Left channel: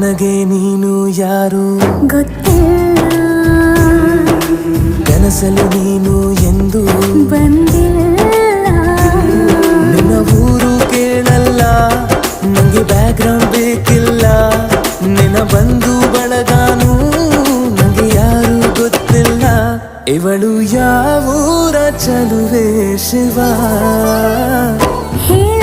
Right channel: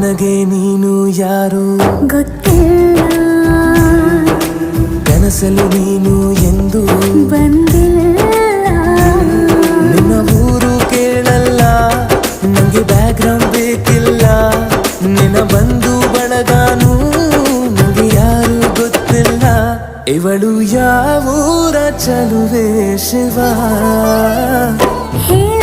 ನನಗೆ ನೀನು ಯಾರು ಗೊತ್ತಿಲ್ಲ, ಕನಸಲು ನೀನು ಎಂದು ಬಂದಿಲ್ಲ. ನಿನ್ನ ಊರು ಕೇಳಲ್ಲ, ನಂಗೆ ಬ್ಯಾಕ್ಗ್ರೌಂಡ್ ಬೇಕಿಲ್ಲ. ನಿನ್ನ ಬಂಧು ಬಳಗಾನು ನಂಗೆ ಯಾರು ಗೊತ್ತಿಲ್ಲ. ಇವಳು ಯಾವೂರ ಚಲುವೆ ಶಿವ ಹೇಳ